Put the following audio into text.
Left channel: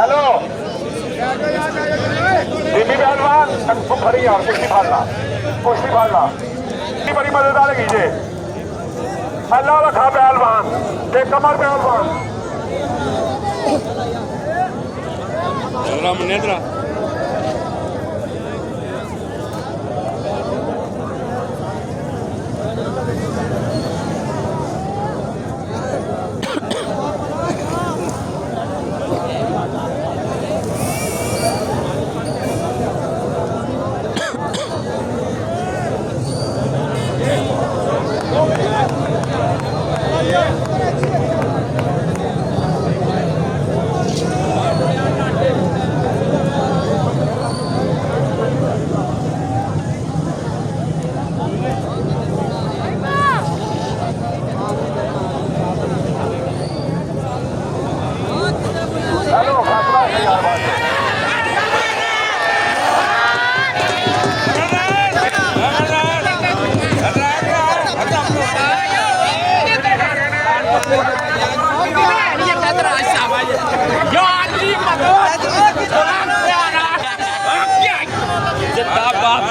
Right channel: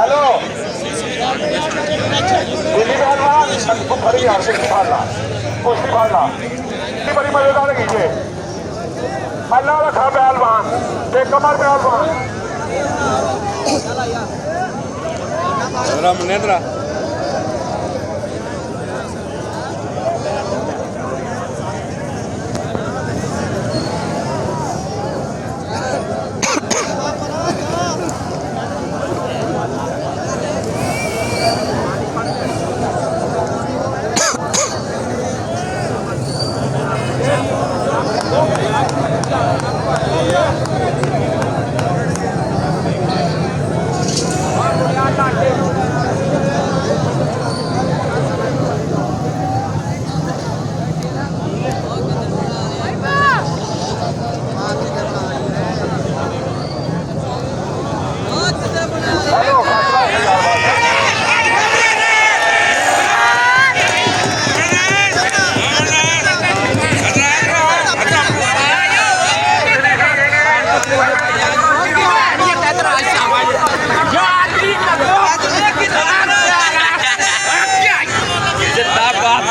hello Delhi पहलवान फरी यार कुश्ती फाड़ना बड़ी मजेदार है जे पहला रखा पहलवान ते कमर पहलवान जिंदाबाद